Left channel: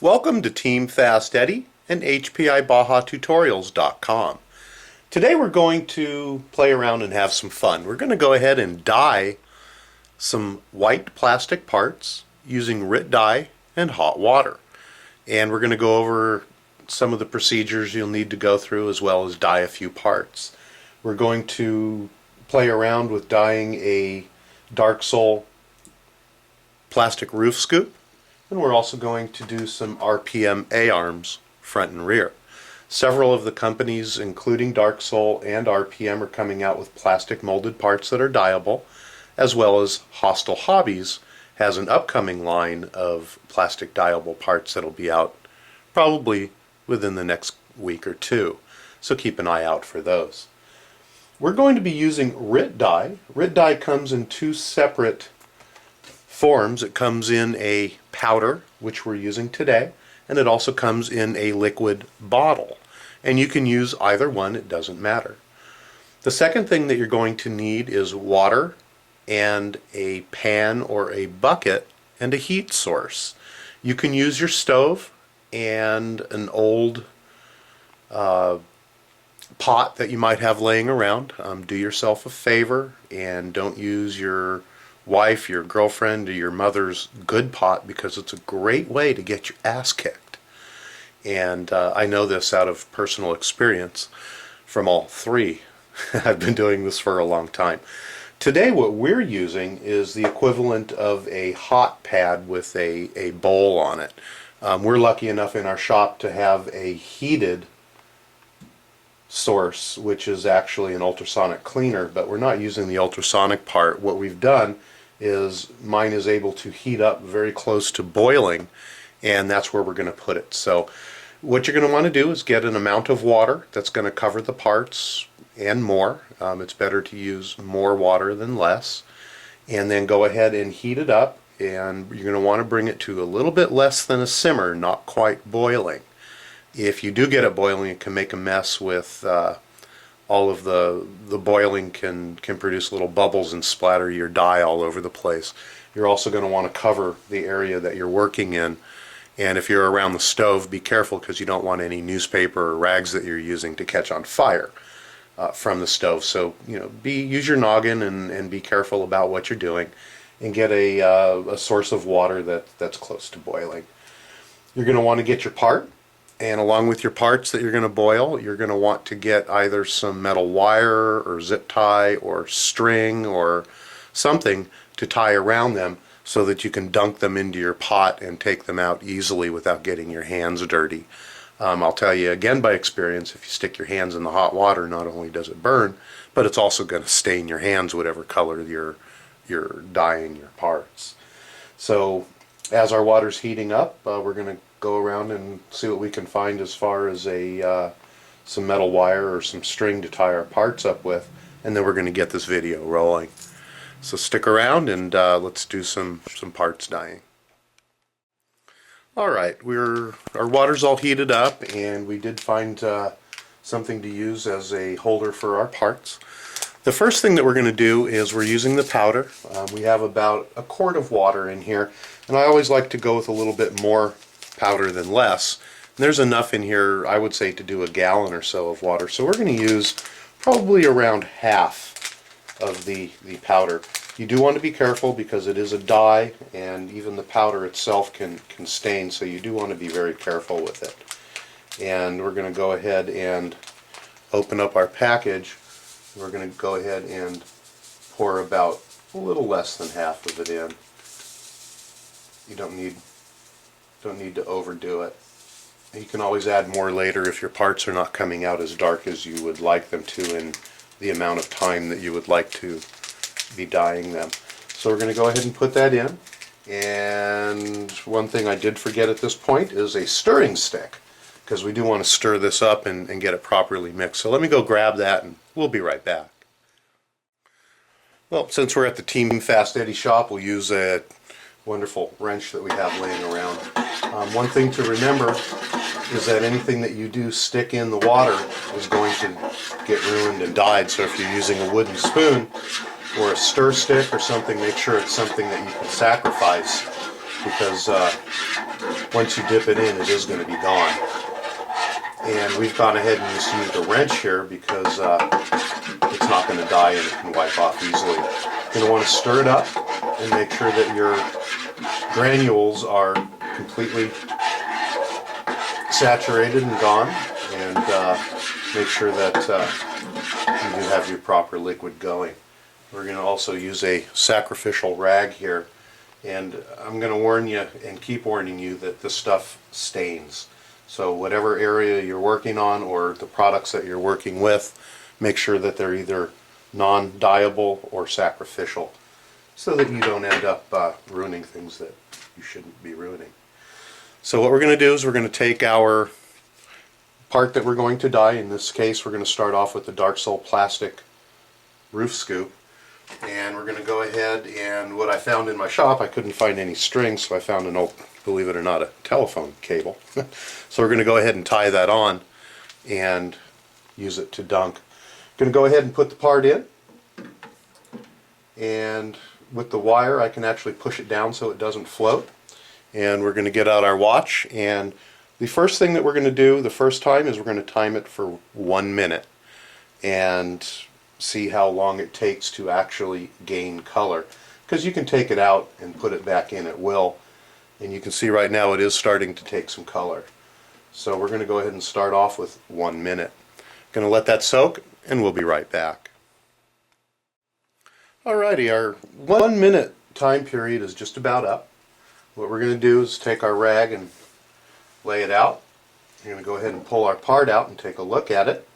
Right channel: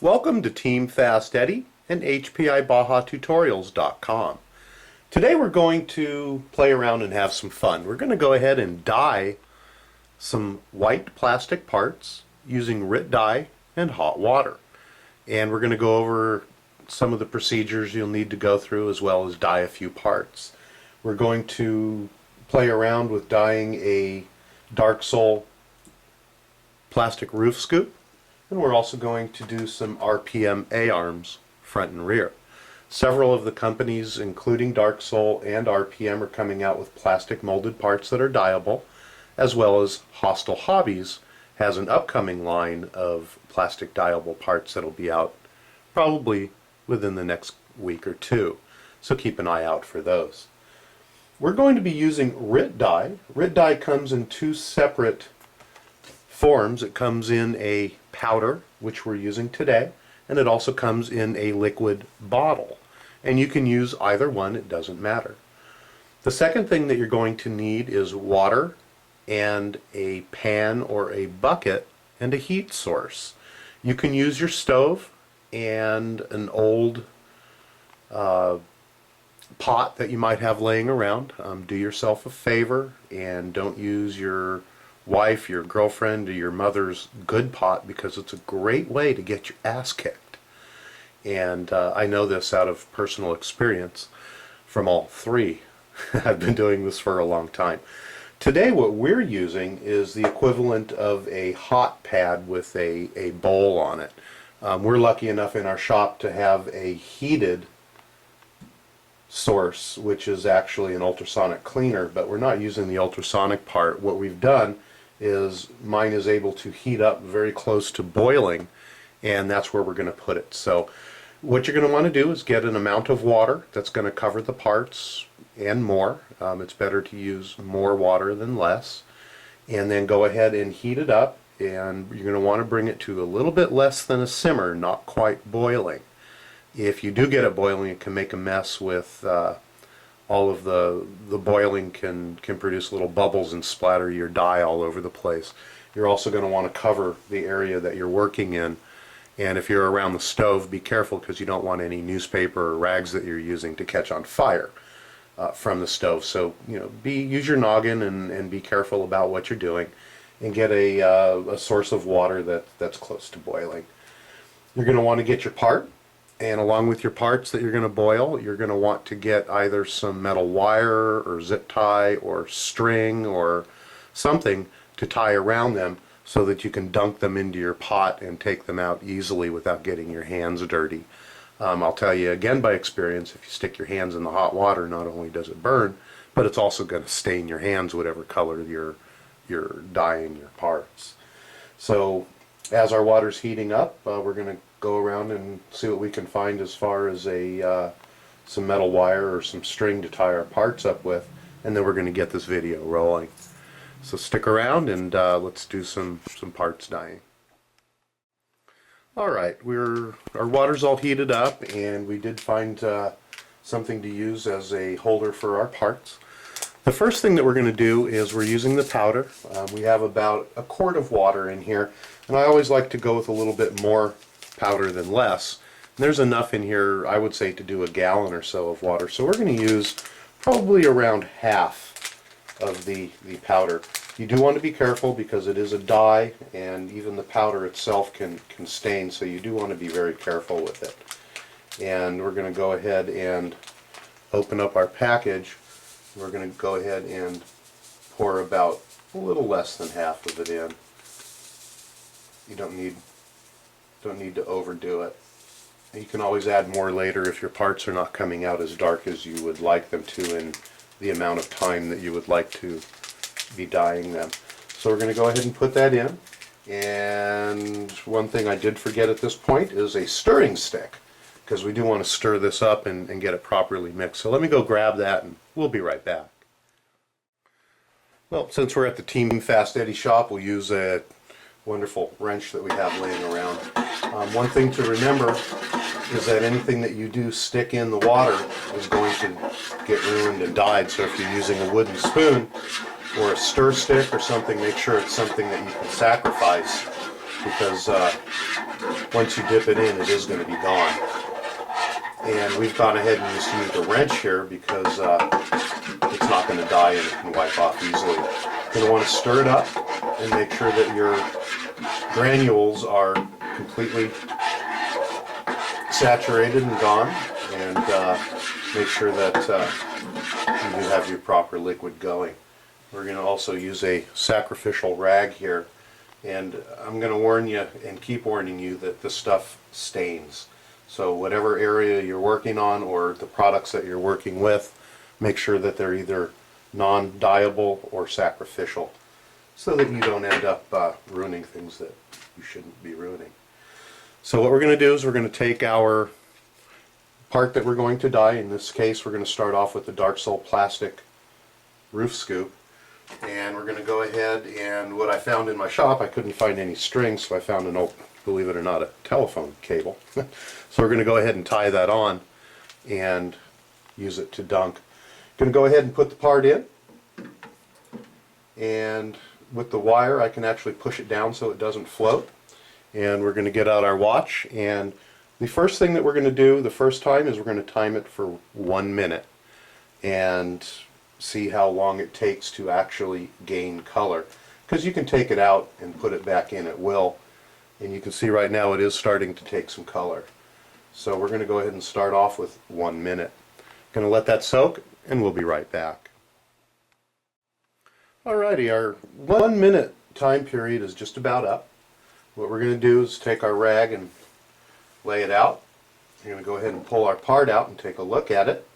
Welcome to Team FastEddy and HPIBajaTutorials.com. Today we're going to play around and have some fun. We're going to go ahead and dye some white plastic parts using Rit Dye and hot water. And we're going to go over some of the procedures you'll need to go through as well as dye a few parts. We're going to play around with dyeing a dark sole plastic roof scoop. And we're also going to do some RPM A-arms front and rear. Several of the companies, including Dark Sole and RPM, are coming out with plastic molded parts that are dyeable, as well as Hostile Hobbies has an upcoming line of plastic dyeable parts that'll be out probably within the next week or two. So keep an eye out for those. We're going to be using Rit Dye. Rit Dye comes in two separate forms. It comes in a powder, which we're using today, and it also comes in a liquid bottle. And you can use either one, it doesn't matter. The second thing that you're going to need is water and a pan or a bucket and a heat source. You can use your stove and an old pot that you might have laying around. Do yourself a favor and don't use your wife, your girlfriend, or your mother's good pot, because it's a great way to get your ass kicked. And I know this out of personal experience from all three. I've been doing this for a long time. Today what we're using is the equivalent of a hot pad with a bowl on it. We're lucky enough in our shop to have a heated source, which is actually an ultrasonic cleaner, but we're not using the ultrasonic part. What we've done is mine is able to heat up very close to boiling, and that's where we're going to put it. So what you're going to want to do is get an amount of water that's going to cover the parts and more. It's better to use more water than less, and then go ahead and heat it up, and you're going to want to bring it to a little bit less than a simmer, not quite boiling. If you do get it boiling, it can make a mess with all of the boiling can produce little bubbles and splatter your dye all over the place. You're also going to want to cover the area that you're working in, and if you're around the stove, be careful, because you don't want any newspaper or rags that you're using to catch on fire from the stove. So use your noggin and be careful about what you're doing, and get a source of water that's close to boiling. You're going to want to get your part. And along with your parts that you're going to boil, you're going to want to get either some metal wire or zip tie or string or something to tie around them so that you can dunk them into your pot and take them out easily without getting your hands dirty. I'll tell you again by experience, if you stick your hands in the hot water, not only does it burn, but it's also going to stain your hands whatever color you're dyeing your parts. So as our water's heating up, we're going to go around and see what we can find as far as some metal wire or some string to tie our parts up with, and then we're going to get this video rolling. So stick around and let's do some parts dyeing. Alright, our water's all heated up, and we did find something to use as a holder for our parts. The first thing that we're going to do is we're using the powder. We have about a quart of water in here, and I always like to go with a little bit more powder than less. And there's enough in here, I would say, to do a gallon or so of water. So we're going to use probably around half of the powder. You do want to be careful because it is a dye, and even the powder itself can stain, so you do want to be very careful with it. And we're going to go ahead and open up our package. We're going to go ahead and pour about a little less than half of it in. You don't need to overdo it. You can always add more later if your parts are not coming out as dark as you would like them to in the amount of time that you would like to be dyeing them. So we're going to go ahead and put that in. And one thing I did forget at this point is a stirring stick, because we do want to stir this up and get it properly mixed. So let me go grab that and we'll be right back. Well, since we're at the Team FastEddy shop, we'll use a wonderful wrench that we have laying around. One thing to remember is that anything that you do stick in the water is going to get ruined and dyed. So if you're using a wooden spoon or a stir stick or something, make sure it's something that you can sacrifice because once you dip it in, it is going to be gone. And we've gone ahead and just used a wrench here because it's not going to dye and it can wipe off easily. You're going to want to stir it up and make sure that your granules are completely saturated and gone, and make sure that you do have your proper liquid going. We're going to also use a sacrificial rag here, and I'm going to warn you and keep warning you that this stuff stains. So whatever area you're working on or the products that you're working with, make sure that they're either non-dyeable or sacrificial, so that you don't end up ruining things that you shouldn't be ruining. So what we're going to do is we're going to take our part that we're going to dye. In this case, we're going to start off with the Dark Soul plastic roof scoop, and we're going to go ahead, and what I found in my shop, I couldn't find any strings, so I found an old, believe it or not, a telephone cable. So we're going to go ahead and tie that on and use it to dunk. Going to go ahead and put the part in, and with the wire I can actually push it down so it doesn't float. And we're going to get out our watch, and the first thing that we're going to do the first time is we're going to time it for 1 minute and see how long it takes to actually gain color, because you can take it out and put it back in at will, and you can see right now it is starting to take some color. So we're going to go ahead and start off with 1 minute. Going to let that soak, and we'll be right back. Alrighty, our 1 minute time period is just about up. What we're going to do is take our rag and lay it out. We're going to go ahead and pull our part out and take a look at it.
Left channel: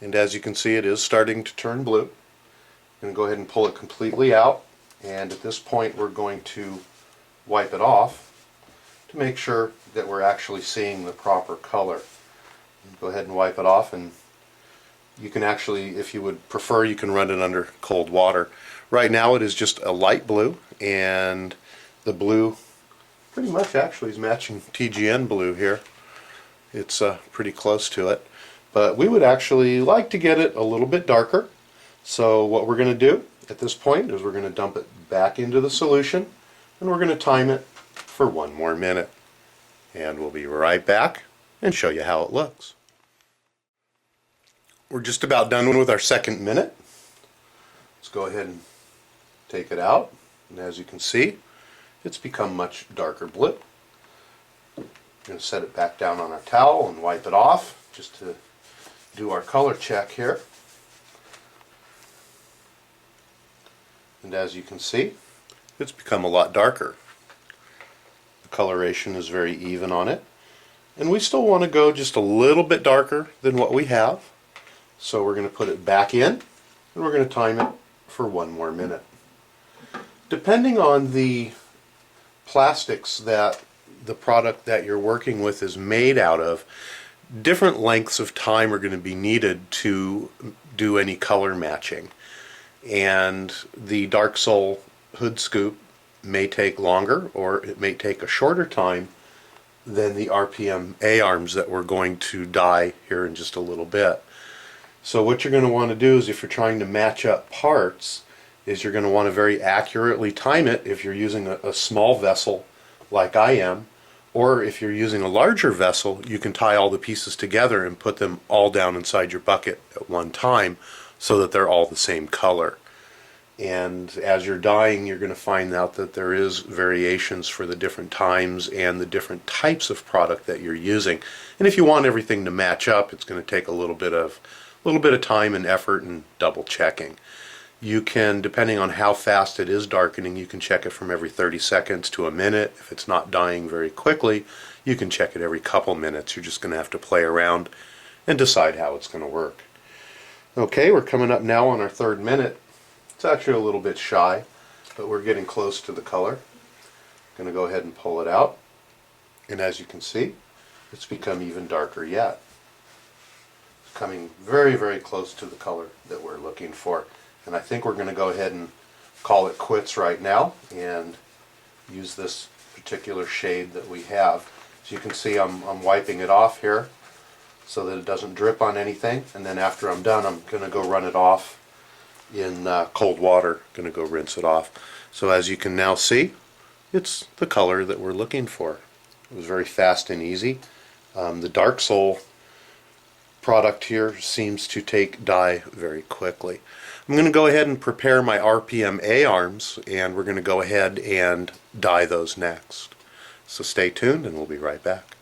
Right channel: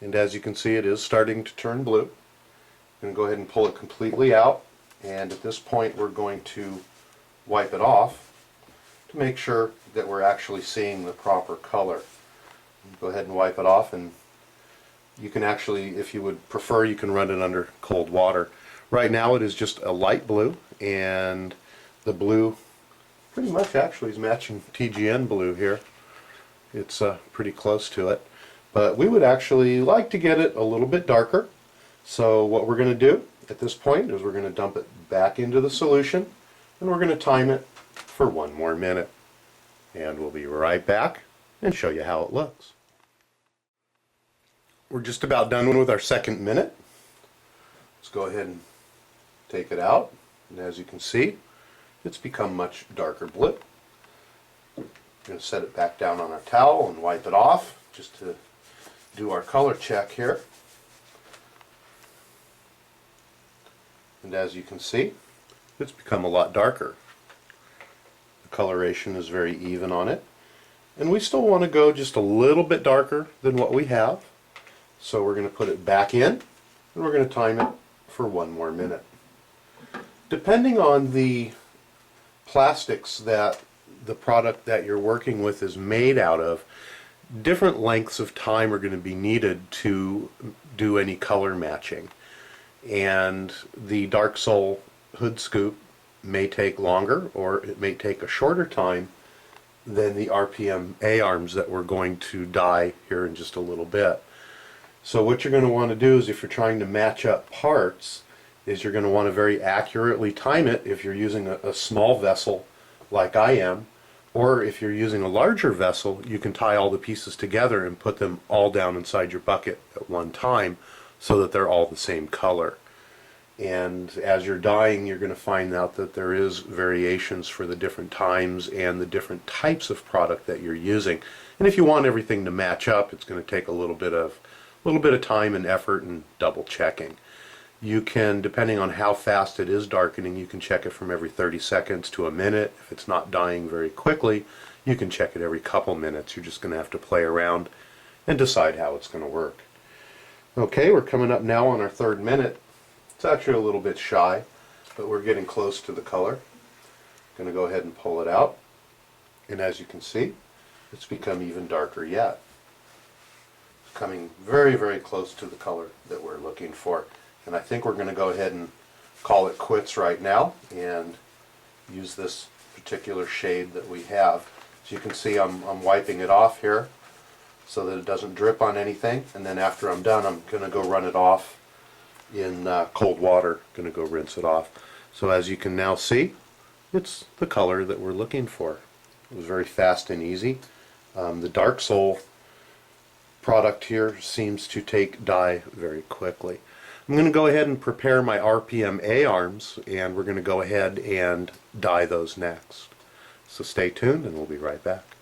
And as you can see, it is starting to turn blue. I'm going to go ahead and pull it completely out, and at this point we're going to wipe it off to make sure that we're actually seeing the proper color. Go ahead and wipe it off, and you can actually, if you would prefer, you can run it under cold water. Right now it is just a light blue, and the blue pretty much actually is matching TGN blue here. It's pretty close to it, but we would actually like to get it a little bit darker. So what we're going to do at this point is we're going to dump it back into the solution, and we're going to time it for 1 more minute, and we'll be right back and show you how it looks. We're just about done with our 2nd minute. Let's go ahead and take it out, and as you can see, it's become much darker blue. We're going to set it back down on our towel and wipe it off just to do our color check here. And as you can see, it's become a lot darker. The coloration is very even on it, and we still want to go just a little bit darker than what we have. So we're going to put it back in, and we're going to time it for 1 more minute. Depending on the plastics that the product that you're working with is made out of, different lengths of time are going to be needed to do any color matching. And the Dark Soul hood scoop may take longer, or it may take a shorter time than the RPM A-arms that we're going to dye here in just a little bit. So what you're going to want to do is, if you're trying to match up parts, is you're going to want to very accurately time it if you're using a small vessel like I am, or if you're using a larger vessel, you can tie all the pieces together and put them all down inside your bucket at one time so that they're all the same color. And as you're dyeing, you're going to find out that there is variations for the different times and the different types of product that you're using. And if you want everything to match up, it's going to take a little bit of time and effort and double checking. You can, depending on how fast it is darkening, you can check it from every 30 seconds to a minute. If it's not dyeing very quickly, you can check it every couple minutes. You're just going to have to play around and decide how it's going to work. Okay, we're coming up now on our 3rd minute. It's actually a little bit shy, but we're getting close to the color. I'm going to go ahead and pull it out, and as you can see, it's become even darker yet. It's coming very, very close to the color that we're looking for. And I think we're going to go ahead and call it quits right now and use this particular shade that we have. As you can see, I'm wiping it off here so that it doesn't drip on anything, and then after I'm done, I'm going to go run it off in cold water. Going to go rinse it off. So as you can now see, it's the color that we're looking for. It was very fast and easy. The Dark Soul product here seems to take dye very quickly. I'm going to go ahead and prepare my RPM A arms, and we're going to go ahead and dye those next. So stay tuned and we'll be right back.